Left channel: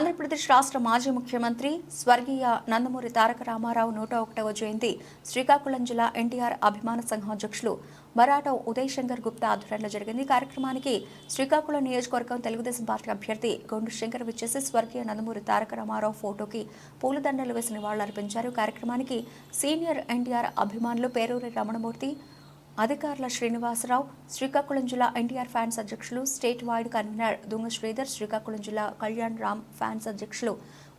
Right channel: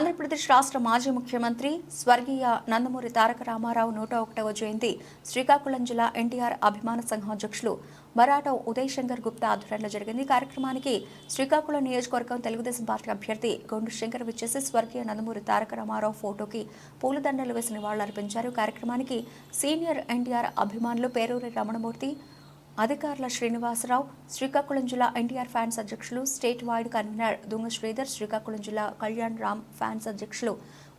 ఆంధ్రప్రదేశ్ రాష్ట్ర మాజీ ముఖ్యమంత్రి స్వర్గీయ నందమూరి తారక రామారావు 101వ జయంతి శ్రీకాకుళం జిల్లా ఎన్టీఆర్ అభిమాన సంఘం అధ్యక్షులు మరాఠా ఉదయ్ శంకర్ గుప్తా ఆధ్వర్యంలో జరిగింది. కార్యక్రమానికి శ్రీకాకుళం నియోజకవర్గం తెలుగుదేశం పార్టీ అభ్యర్థి గొండు శంకర్ విచ్చేసి స్వర్గీయ నందమూరి తారక రామారావు ఫోటోకి పూలదండలు వేసి నివాళులర్పించారు. కార్యక్రమానికి సీనియర్ ఎన్టీఆర్ అభిమానులు పేరూరి రమణమూర్తి, అధికారుల శ్రీనివాసరావు, శ్రీకాకుళం జిల్లా ఎన్టీఆర్ ఫ్యాన్స్ అధ్యక్షులు, state wide convener Dunga Sridhar, Srikakulam జిల్లా కళ్యాణ్ రామ్ ఫ్యాన్స్ అధ్యక్షులు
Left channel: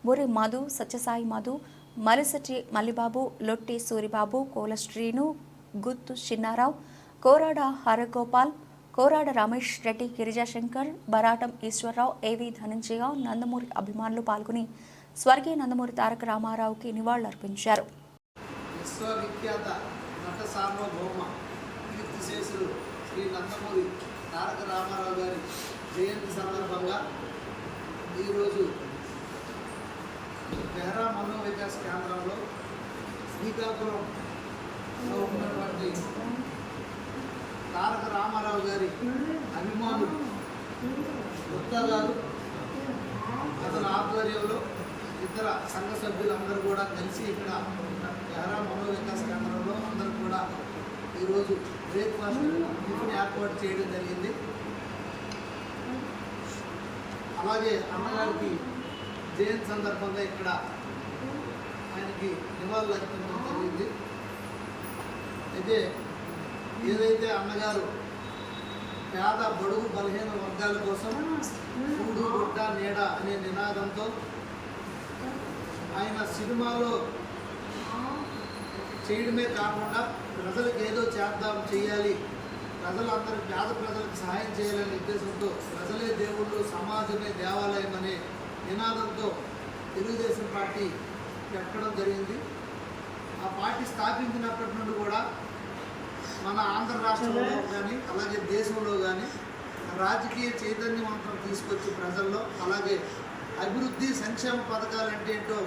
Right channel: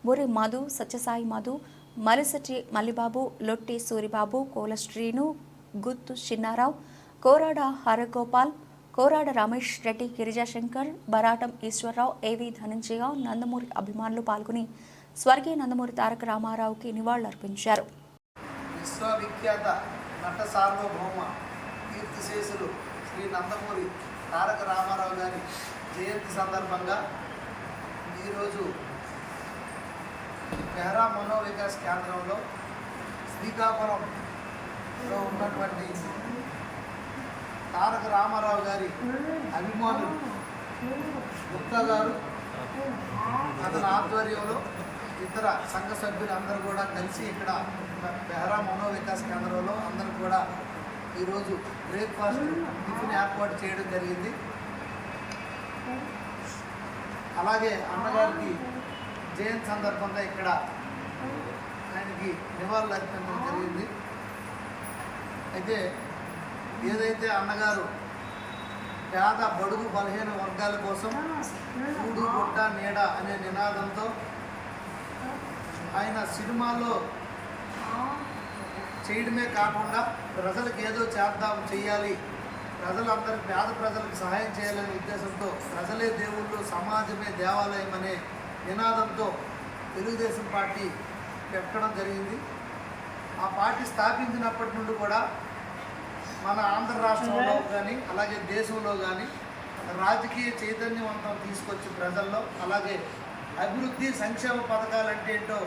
మురి మధు, సత్యసాయి మధు, మలిశెట్టి మల్లిబాబు, లొట్టి సూరిబాబు, కోల శ్రీను, గుత్తు చిన్నారావు, కోరాడ హరగోపాల్, కోరాడ రమేష్ రెడ్డి, గిరిజాశంకర్, బరాటం ఈశ్వరరావు, ఏవి ధనంజయ, నందమూరి అభిమానులు పాల్గొని స్వర్గీయ నందమూరి తారక రామారావుకి నివాళులర్పించారు. విశ్వవిఖ్యాత నట సార్వభౌమ కీర్తిశేషులు శ్రీ నందమూరి తారక రామారావు గారి జయంతి సందర్భంగా ఈరోజు బెహ్రా మనోవికాస్ కేంద్రంలో శ్రీకాకుళంలో ఉన్నటువంటి తారక రామారావు గారి అభిమానులు గుప్తా గారు అతని ఆధ్వర్యంలో ఇతర సంఘ సభ్యులందరూ కూడా కలిసి ఇక్కడ బెహ్రా మనోవికాస్ కేంద్రంలో అందరూ కూడా ఈరోజు బ్రేక్ఫాస్ట్ టిఫిన్ ఏర్పాటు చేయడం జరిగింది. అలాగే అన్నగారికి జయంతి సందర్భంగా ఇక్కడ ఆయనకి నివాళులు అర్పించడం జరిగింది. అయితే ఏదైతే అన్నగారు పేద బడుగు బలహీన వర్గాల కోసం కూడు గుడ్డ నీడ అనే నినాదంతో ఆయన సినిమాలో చేయడమే కాకుండా ప్రజలకు ఏదో చేయాలి, ప్రజలందరికీ పేద ప్రజలకు సహాయం చేయాలనే ఉద్దేశంతో ప్రజలే దేవుళ్ళు, సమాజమే దేవాలయం అనే నినాదంతో తెలుగుదేశం పార్టీ పెట్టడం జరిగింది. ఆ పార్టీ స్థాపించినప్పటి నుండి కూడా మన ఆంధ్ర రాష్ట్రంలో కానీ అలాగే దేశంలో కానీ రాజకీయ చైతన్యవంతం తీసుకొచ్చి ప్రజల్లో, అలాగే అభివృద్ధి సంక్షేమ పథకాలంటే ఏంటో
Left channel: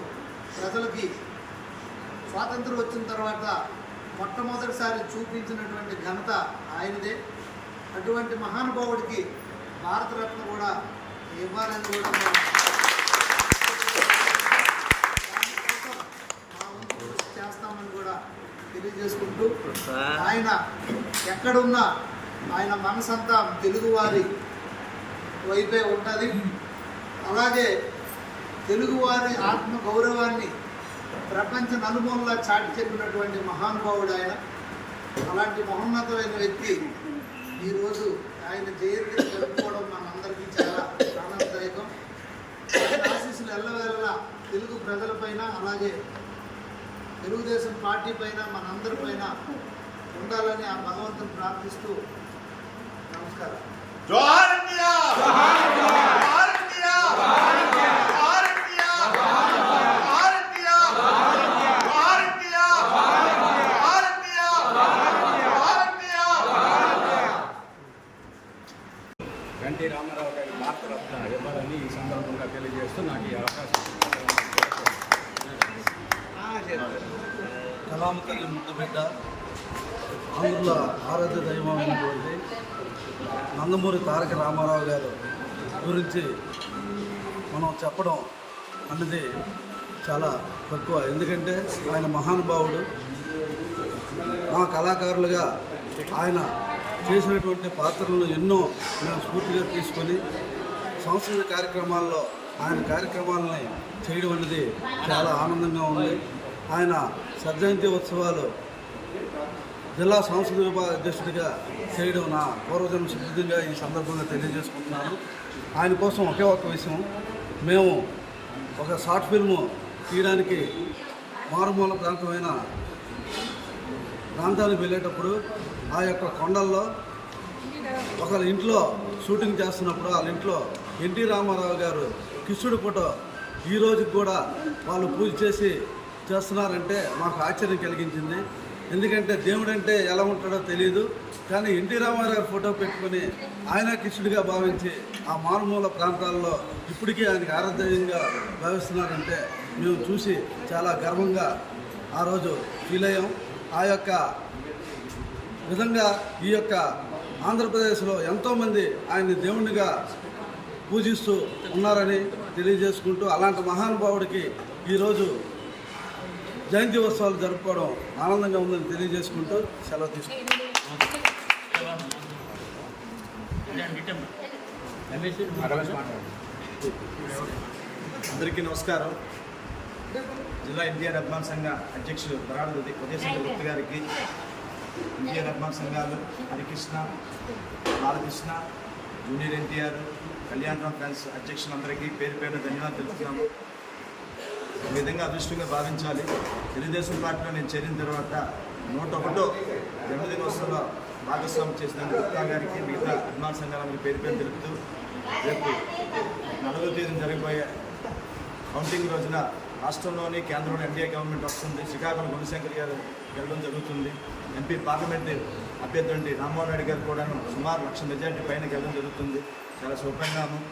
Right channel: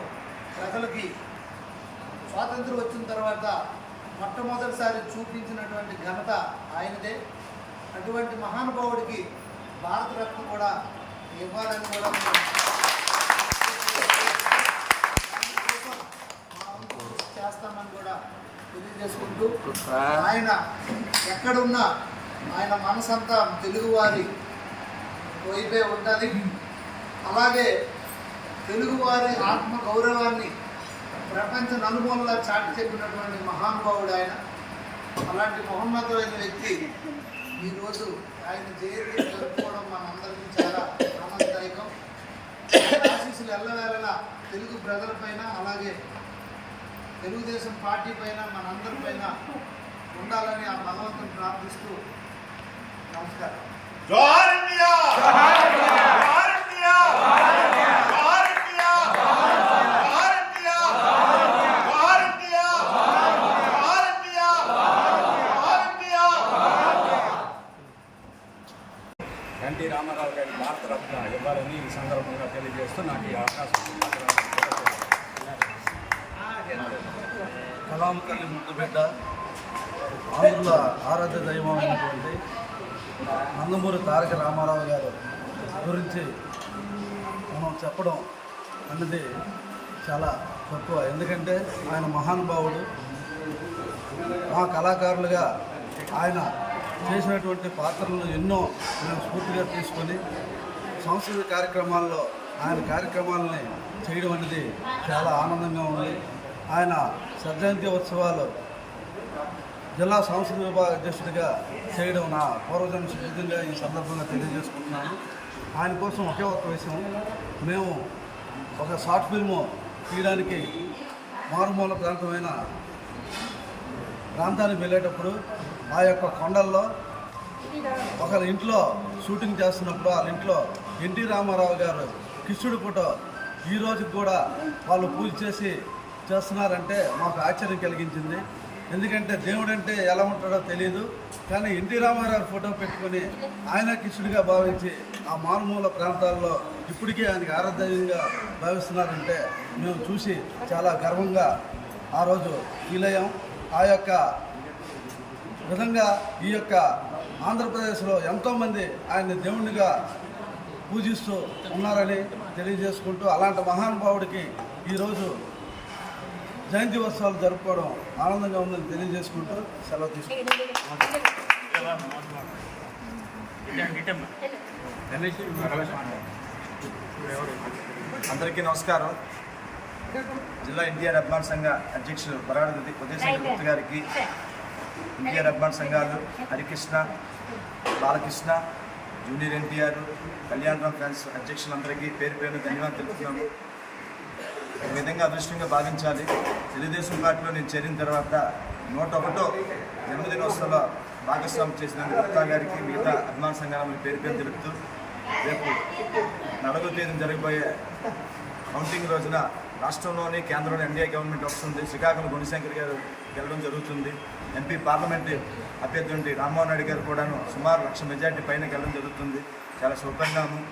ప్రజలకి స్వాతంత్రం వచ్చిన తర్వాత మొట్టమొదటిసారి చూపించినటువంటి ఘనత ఆయనదే. అటువంటి మహానుభావుడికి భారతరత్న కూడా ఇవ్వాలని కూడా దానికోసం మా వంతు కృషి చేస్తామని కూడా తెలియజేసుకుంటూ, ఆయన ఎక్కడున్నా ఆయన మనసంతా తెలుగువారి వైపే ఉంటుంది. అలాగే తెలుగువారి ఆత్మ గౌరవాన్ని ప్రపంచ నలుమూలలా చాటి చెప్పినటువంటి మహానుభావుడు ఆయన. అలాంటి మహోన్నతమైన వ్యక్తి ఈరోజు ఆయన జయంతి జరుపుకోవడం మనందరికీ చాలా ఆనందదాయకం. ఆయన ఆశీస్సులు ఎల్లవేళలా తెలుగు ప్రజలపైన అలాగే తెలుగుదేశం పార్టీ పైన మనందరిపైన ఉండాలని ఆ భగవంతుని ప్రార్థిస్తూ నమస్కారం. జోహార్ ఇండియా, జోహార్ ఇండియా, జోహార్ ఇండియా, జోహార్ ఇండియా, జోహార్ ఇండియా, జోహార్ ఇండియా, జోహార్ ఇండియా. ఎన్టీ రామారావు గారి భారతరత్న ఇవ్వాలని ఈ సందర్భంగా తెలియజేస్తూ నాకు ఈ అవకాశం కలామ తల్లి ముద్దబిడ్డ, ఆంధ్రుల ఆరాధ్య దైవం అయినటువంటి నందమూరి తారక రామారావు గారు గురించి మనం చెప్పడం అన్నది చాలా తక్కువ. ఎందుకంటే ఆయన మహానుభావుడు. మా కళాకారులుగా ఆయన చేసినటువంటి పాత్రలను ఎన్నో మేము స్ఫూర్తిగా తీసుకొని సాంస్కృతిక కార్యక్రమాల్లో ఆయన కార్యక్రమాలని చేయడం అనేది చాలా ఆనందంగా ఉంది. ఆయన జయంతి ఉత్సవాలు జిల్లా సాంస్కృతిక విభాగ అధ్యక్షుడిగా చేయడం నా పూర్వజన్మ సిద్ధంగా ఈ సందర్భంగా తెలియజేసుకుంటున్నాను. ఆయన కోసం ఒకే ఒక విషయం, మేము ఒక షార్ట్ ఫిల్ము తీయడానికి మారుమూల ప్రాంతానికి వెళ్ళేటప్పుడు ఆ యొక్క కొండల్లో ఒకరి ఇంట్లో షూటింగ్ చేస్తున్నప్పుడు వాళ్ళ ఇంట్లో ఎన్టీ రామారావు గారు కృష్ణుడి ఫోటో ఈ రోజుకి కూడా వాళ్ళు పూజ చేస్తున్నారంటే మాకు ఆశ్చర్యం కలిగించింది. ఎందుకంటే దేవుడు అంటే ఎలా ఉంటాడో తెలియదు, కానీ ఎన్టీ రామారావు ఫోటో పెట్టుకొని ఆయన కృష్ణుడిగా భావించి ఆ మారుమూల ప్రాంతాల్లో ఇప్పటికీ ఆయనకి ఆరాధ్యంగా భావిస్తున్నారంటే మేము చూసి చాలా గర్వంగా ఆ రోజు ఫీల్ అయ్యాం. ఆ యొక్క విధంగా ఈ యొక్క ఆంధ్రప్రదేశ్లో ఎంతోమంది ఆయన్ని దేవునిగా పూజిస్తూ ఉన్నారని తెలియజేసుకుంటూ అలాంటి మహానుభావుడికి ఈరోజు జయంతి ఉత్సవాలు జరుపుకోవడం ఆనందంగా ఉందని తెలియజేసుకుంటూ సెలవు తీసుకుంటాం. అందరికీ నమస్కారం. జిల్లా ఎన్టీఆర్ అభిమాన సంఘ అధ్యక్షులు బరాడు ఉదయశంకర్ గుప్తా గారికి, ఎన్టీఆర్ అభిమాన సంఘాలు హరికృష్ణ, బాలకృష్ణ, జూనియర్ ఎన్టీఆర్, కళ్యాణరామ్ ఫ్యాన్స్ అధ్యక్షులందరికీ పేరు పేరున ధన్యవాదాలు తెలుపుతున్నాము. ఒక విధంగా అదృష్టంగా భావించాలి. తెలుగుదేశం పార్టీలో నేను చేరిన తర్వాత 101వ జన్మదినోత్సవంలో భాగస్వామ్యం చేసినందుకు గుప్తా గారికి, మిగతా అభిమాన సంఘాల పేరు పేరు తెలుపుతూ రేపు 4వ తేదీన జరగబోయే కౌంటింగ్ రోజున రాష్ట్రంలోని కేంద్రంలో ఎన్డీఏ గవర్నమెంట్ వస్తుంది. శ్రీకాకుళం గుణశంకర్ గారు గెలవడం జరుగుతుంది. ఎంపీ పార్లమెంటు అభ్యర్థి రామ్మోహన్ రెడ్డి గారు కూడాను సుమారు 1,00,000 మెజార్టీ పైన గెలవడం జరుగుతుంది. చాలా శుభపరిణామం.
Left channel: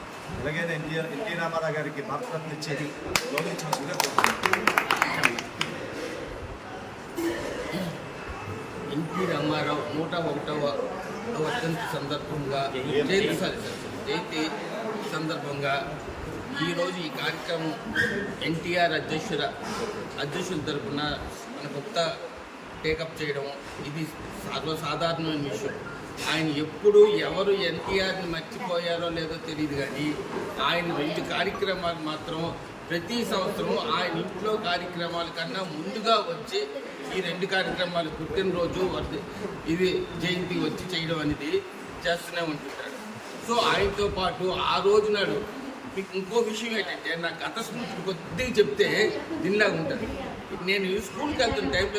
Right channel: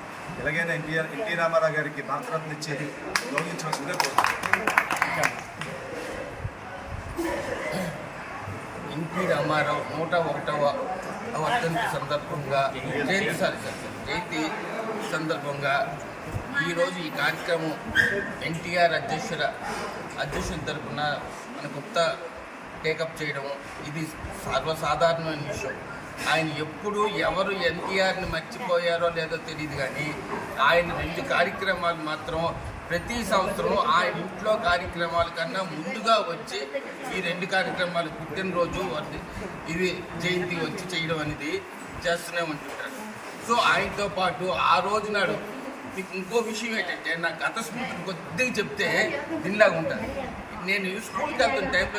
ఎలాగైనా ఎన్టీ రామారావు గారికి భారతరత్న ఇచ్చేది గౌరవించవలసిందిగా కోరుతున్నాను. ఎన్టీ రామారావు 101వ వర్ధంతి సందర్భంగా జయంతి సందర్భంగా ఈరోజు ఈ కార్యక్రమం ఎన్టీఆర్ అధ్యక్షుల తరఫున మన గుప్తా టేకప్ చేయడం ఇది సర్వసాధారణమైన విషయం. ఆయన ఎప్పుడు ఎవరు ఎన్టీఆర్ని మర్చిపోయారో లేదో తెలియదు, కానీ ఆయన 2 కార్యక్రమాలు మాత్రం ప్రతి సంవత్సరం ఆయన ఇంట్లో కార్యక్రమాల కన్నా ముందుగా వచ్చి ఈ 2 కార్యక్రమాలు పుట్టినరోజు ఇది జయంతి వచ్చి చేయడం అనేది చేస్తూనే ఉంటుంటాడు. సో ఆయనతో పాటు ఆ రోజు నాడు మీకు ఇంకో విషయం ఏంటంటే, నా గత స్మృతులు కొద్దిగా చెప్తే దీనిలాగా ఉంటుంది. నేను స్కూల్కి వెళ్తున్న టైంలో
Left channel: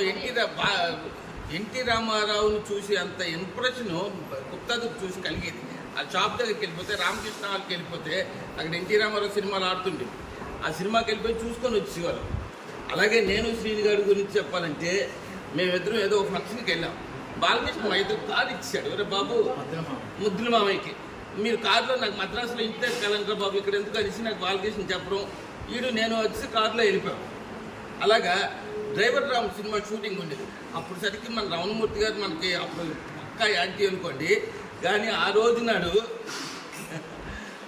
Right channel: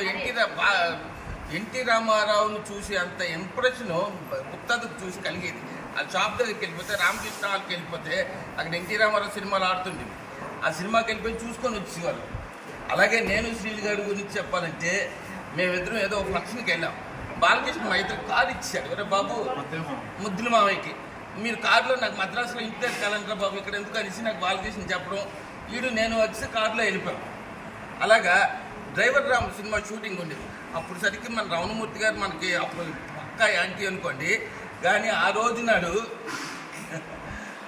ఎన్టీ రామారావుని చూసి అంత ఇంప్రెషను గుప్తాకు చూసి కలిగేది. ఆ షాప్ దగ్గరికి వెళ్ళిపోతే, రామకృష్ణ హాల్కి వెళ్ళిపోతే అక్కడ ఎన్టీ రామారావు సినిమాలు ఆడుతుండేవి. ఆ సినిమాకి వెళ్ళిపోయి చూసుకొని వచ్చేవాళ్ళు. అలాగే నేను శ్రీని గారి గురించి చెప్పాలంటే, మేమిద్దరం ఏదో ఒక ఫంక్షన్కి వెళ్ళాం. బాలకృష్ణ మా ఇద్దరు కారు ఇచ్చాడు. ఒరే బాబు, ముద్దుల మామయ్యకి, మీరు కారులో నాకు మద్రాసులో ఇంటి దగ్గర కలండ్రా బాబు ఇక్కడ ఎందుకు అనేసి నాకు బాలకృష్ణ చెప్పడం, నేను వచ్చి కారులో వెళ్ళిపోయాం. అలాగా డ్రైవర్ రామ్ సినిమా షూటింగ్ ఉండేది. అప్పుడు సరికి మన రమణమూర్తి గారు మనకి అప్పుడు పక్కా యాంటీ అనుకోండి, కానీ ఆ రోజు నాడు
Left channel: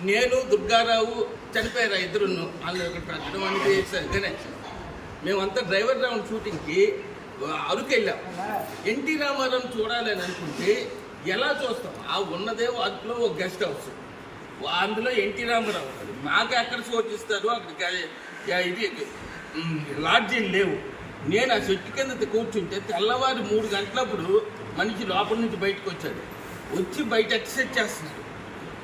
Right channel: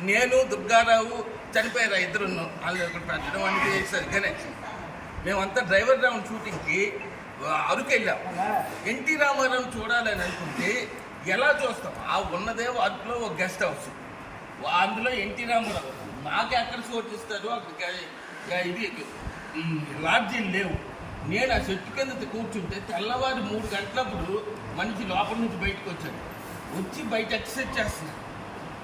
నేను దుర్గారావు చనిపోయారు. ఇద్దరును వాళ్ళు ఇక్కడ పెట్టడం అనేది సరిగ్గానే. మేమంతా డ్రైవర్ రౌండ్ షూటింగ్కి అరకు వెళ్ళాం. ఎన్టీ రామారావుని చూడాలని అనుకుంటే ఎలా చూస్తాం? ఆ ఉన్నదే అరకులో ఒక గెస్ట్ హౌస్, అందులో ఎన్టీ రామారావు మాకు ఎక్కడ చోటిస్తారు, అక్కడికి ఇది లాడ్జీలు లేవు. నేను ఆ చెట్టు కింద కూర్చుంటే తెల్లవారు 3 గంటలప్పుడు మనిషి లోపల నుంచి బయటకు వచ్చి బయట ఎక్సర్సైజ్ చేస్తున్నాడు.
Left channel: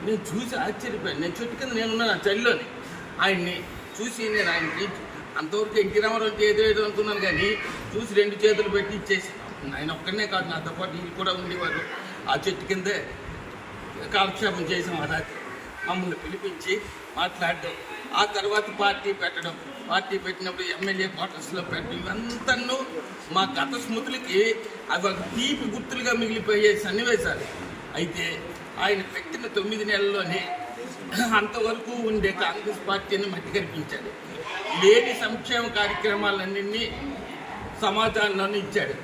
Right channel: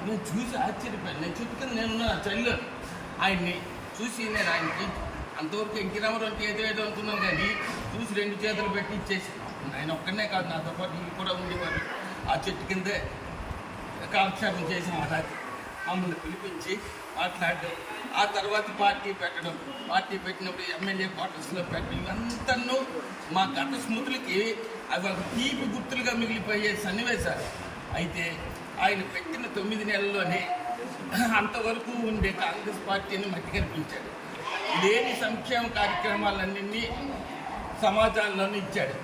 నేను చూసి ఆశ్చర్యపోయాను. నేను చెట్టు కింద నేనున్నాను ఆ చలిలోని. ఆయన్ని చూసి నేను ఆయనకి అంతవరకు ఎన్టీ రామారావు అంటే ఏదో అనుకున్నాను, కానీ చూసి 2 చేతులు పెట్టి ఇచ్చేసాను. ఆయన ఒక్కనే కాదు, నాతో పాటు వీళ్ళు కూడా ఉండేవారు. ఆ చెట్టు కిందే కాలక్షేపం చేసాం. ఆ రాత్రి మమ్మల్ని పిలిపించి మాట్లాడడం, ఆ తర్వాత పార్టీ పెట్టినప్పుడు ఎమ్మెల్యే క్వార్టర్స్లో పెట్టడం, ఇవంతా మా గత స్మృతులకి అవి ఒక తీపి గుర్తులుగా మిగిలిపోయే సన్నివేశాలు. అయితే ఆయన పెట్టిన 9 నెలల్లోనే అంతవరకు ఉండే కాంగ్రెస్ పార్టీని మట్టి కనిపించాడు. లేని సంక్షేమ కార్యక్రమాలన్నింటినీ సమాజంలోనే ఇచ్చాడు.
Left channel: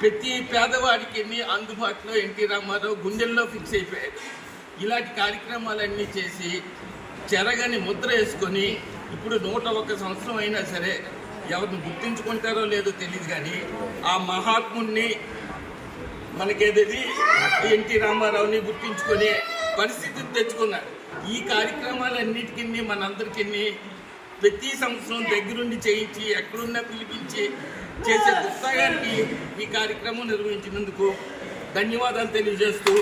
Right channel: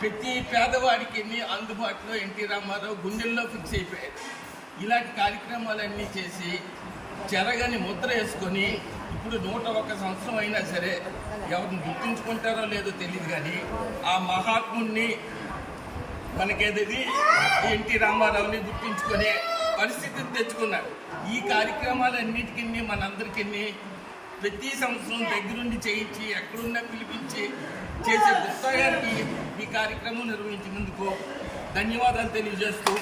ప్రతి పేదవాడికి అందుబాటులో ఎన్టీ రామారావు గుండెల్లో ఫిక్స్ అయిపోయాడు. ఇలాంటి కార్యక్రమాలన్నీ చేసి చెరగని ముద్ర వేసుకొని ఇప్పుడు 101 సంవత్సరం అయినా సరే ఎవరిని గుర్తించుకుంటారో లేదో తెలియదు, కానీ ఆ మహాత్ముడిని మనకేది ఎన్టీ రామారావుని గుర్తించుకునే పరిస్థితిని తెచ్చుకున్నారు. ఈ కార్యక్రమాలన్నిటికీ మనందరికీ ప్రతి సంవత్సరం దగ్గరుండి చేయించి ఎక్కడున్నా పిలిపించి చేసే గుప్తా గారికి ఈ కార్యక్రమం నిర్వహించినందుకు ధన్యవాదాలు తెలియజేస్తూ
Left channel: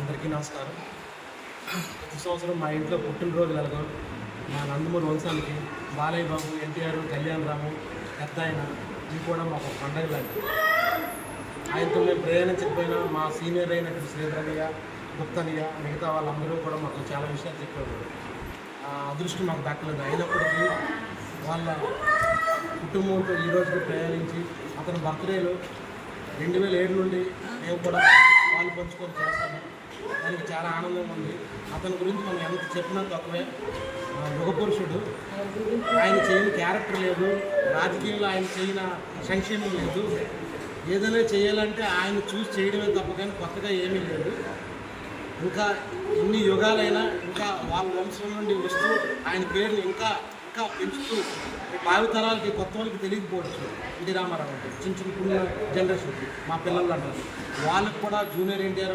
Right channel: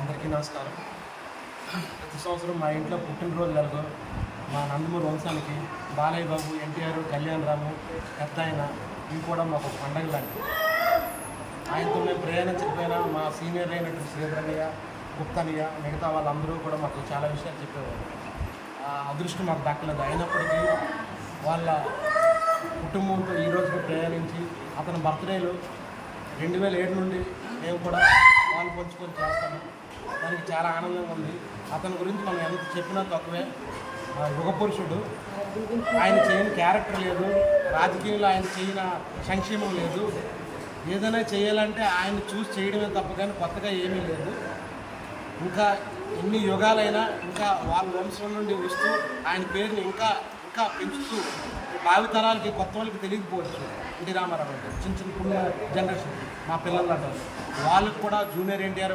అందరికీ నమస్కారం. ప్రతి సంవత్సరం మా ఇంట్లో పుట్టినరోజులలో మా నందమూరి వంశానికి బాలయ్య బాబు, ఎన్టీఆర్, కళ్యాణరాము, పెద్ద ఆయన ఇవి కూడా మాకు పండగ లాంటి. ఆయనతో మేము ప్రయాణించకపోయినా మా సీనియర్ అయినటువంటి శ్రీధరయ్య, గుప్తనయ్య, మిగతా వాళ్ళందరూ కూడా మాకు చాలా విషయాలు చెప్పేవారు. ఆ అదృష్టం మాకు దక్కలేదు. అయినప్పటికీ వాళ్ళ కుటుంబంతో ఈరోజుకి ప్రయాణించి అతని బర్త్డేలు 2007 నుండి మేము కూడా పాలు పంచుకొని చేస్తాము. దానికి చాలా ఆనందంగా ఉంది. అతని గురించి మనం ఎంత చెప్పినా తక్కువే. యుగ పురుషుడు. ఆయన చేయని క్యారెక్టర్ లేదు, రాజకీయంలో ఆయన చేయని సంక్షేమం లేదు. ఏదైనా చేయాలంటే ఆయన చూసి చేయడమే తప్ప కానీ కొత్తగా ఏమీ లేదు. ఇంకా ఇన్ని యుగాలైనా ఇంకా వాళ్ళ వంశం నుండి వస్తూ ఆయన పేరు ఇంకా ఇంకా పెంచుతూ భావితరాలకి కొత్త వాళ్ళకి తెలియకపోవచ్చు. ఎన్టీ రామారావు అంటే చిన్న చిన్న జనరేషన్కి మా పిల్లలు అంటారు వాళ్ళకి కూడా జూనియర్ ఎన్టీఆర్